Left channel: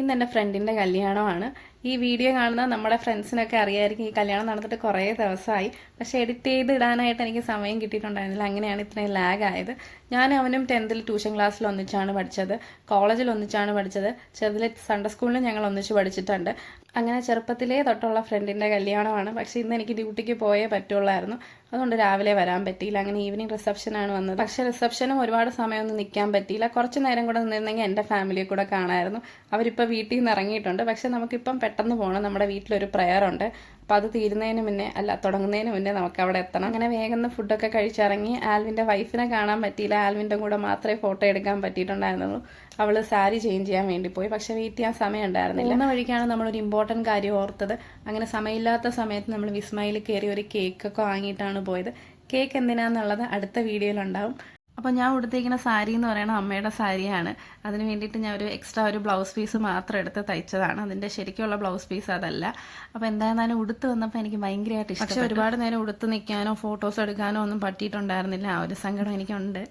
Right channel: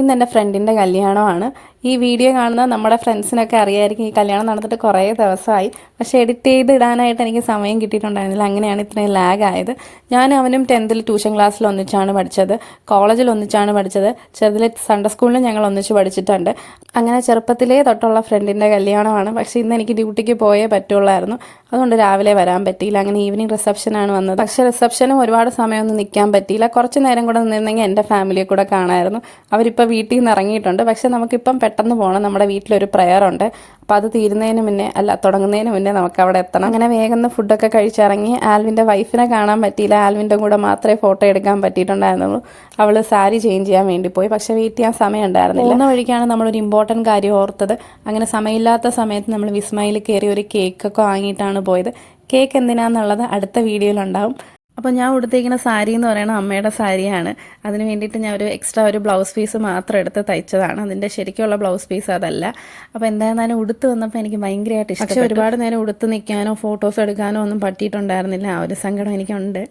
ഇന്ന് എൻ്റെ ഫ്രണ്ടിൻ്റെ കല്യാണമാണ്. ഈ വീഡിയോ കാണുന്ന നമ്മുടെ ഫ്രണ്ട്സിനൊക്കെ അറിയായിരിക്കും ഈ കല്യാണം നടന്നിട്ട് കുറേ ദിവസമായി. പക്ഷേ എഡിറ്റ് ചെയ്ത് ഇടാനായിട്ട് എനിക്ക് സമയം കിട്ടിയിട്ടുണ്ടായിരുന്നില്ല. അങ്ങനെയാണ് ഇത്രയും ലാഗ് ആയത്. ഞാൻ അവനും 10th ട്യൂഷൻ ക്ലാസ്സിൽ ഒന്നിച്ചാണ് പഠിച്ചത്, കോളേജിൽ ഒന്നിച്ചാണ് പഠിച്ചത്, ചെറുതിലെ സൺഡേ സ്കൂളിൽ ഞങ്ങൾ ഒന്നിച്ച് പഠിച്ചിട്ടുണ്ട്. അങ്ങനെ ചെറുപ്പത്തിലേ തൊട്ടുള്ള ഫ്രണ്ടിൻ്റെ കല്യാണമാണ്. പക്ഷേ ഇന്ന് എനിക്ക് ഡ്യൂട്ടിക്ക് പോയേ പറ്റുള്ളായിരുന്നു, അതുകൊണ്ട് രാവിലെ വരാൻ പറ്റിയില്ല. അങ്ങനെ ഈവനിങ് റിസപ്ഷനാണ് വന്നത്. പക്ഷേ റിസപ്ഷനും ഒരുപാട് സമയമൊന്നും നിൽക്കാൻ പറ്റിയില്ല. കുറച്ച് നേരം കൂടെ നിന്നിരുന്നെങ്കിൽ എൻ്റെ ഫാമിലിയെ കൂടെ കാണാമായിരുന്നു. അവരിപ്പോൾ വീട്ടിൽ നിന്ന് ഇറങ്ങിയിട്ടുണ്ട്. പക്ഷേ നമുക്കിപ്പം പെട്ടെന്ന് പോകണം. നമ്മുടെ വീട്ടിലൊരു പ്രെയർ ഉണ്ട്. അപ്പോൾ അത് തീരുന്നതിന് മുന്നേ തുടങ്ങുന്നതിന് മുന്നേ നമുക്ക് അവിടെ എത്തണം. അങ്ങനെ വേഗം ഫുഡൊക്കെ കഴിച്ചിറങ്ങി. ആൽവിൻ്റെ വൈഫിനെ കാണാൻ പറ്റിയില്ല. ആൽവിൻ്റെ കൂടെ മാത്രമേ ഫോട്ടോ എടുക്കാൻ പറ്റിയിട്ടുണ്ടായിരുന്നുള്ളൂ. അവൾ സാരി ചേഞ്ച് ചെയ്യാൻ വേണ്ടി പോയി. പക്ഷേ വെയിറ്റ് ചെയ്യാൻ സമയം ഉണ്ടായിരുന്നില്ല. പോകുന്ന വഴിക്കാണ് നമ്മളൊരു ഇമ്പോർട്ടൻറ്റ് കാര്യം ഓർത്തത്. അങ്ങനെ സമയമില്ലാത്ത സമയത്ത് നമ്മൾ വിസ്മയിൽ കയറി ഒരു കേക്കൊക്കെ വാങ്ങിയിട്ടാണ് പോയത്. കേക്ക് എന്തിനാന്നുള്ളത് അടുത്ത വീഡിയോയിലുണ്ടാവും. അപ്പോൾ ഞാൻ ഉടുത്തേക്കുന്ന സാരി എന്ന് പറയുന്നത് അമ്മയുടെ സാരിയാണ്. അതിന് വേണ്ടിയിട്ട് ഞാൻ എക്സ്ട്രാ ഒരു ബ്ലൗസ് പീസ് മാത്രം എടുത്ത് തയ്ച്ചതാണ്. അതിൻ്റെ ശരിക്കുള്ള ബ്ലൗസ് പീസ് അതല്ല. അപ്പോൾ എന്തായിരുന്നാലും ഉടുത്ത് വന്നപ്പോൾ എനിക്ക് ഭയങ്കരമായിട്ട് ഇഷ്ടം. പക്ഷേ ഒരുപാട് നേരം ഉടുത്ത് നിൽക്കാനോ ഫോട്ടോസ് എടുക്കാനോ ഒന്നും പറ്റിയിട്ടുണ്ടായിരുന്നില്ല. ആ ഒരു സങ്കടം എനിക്കുണ്ട്.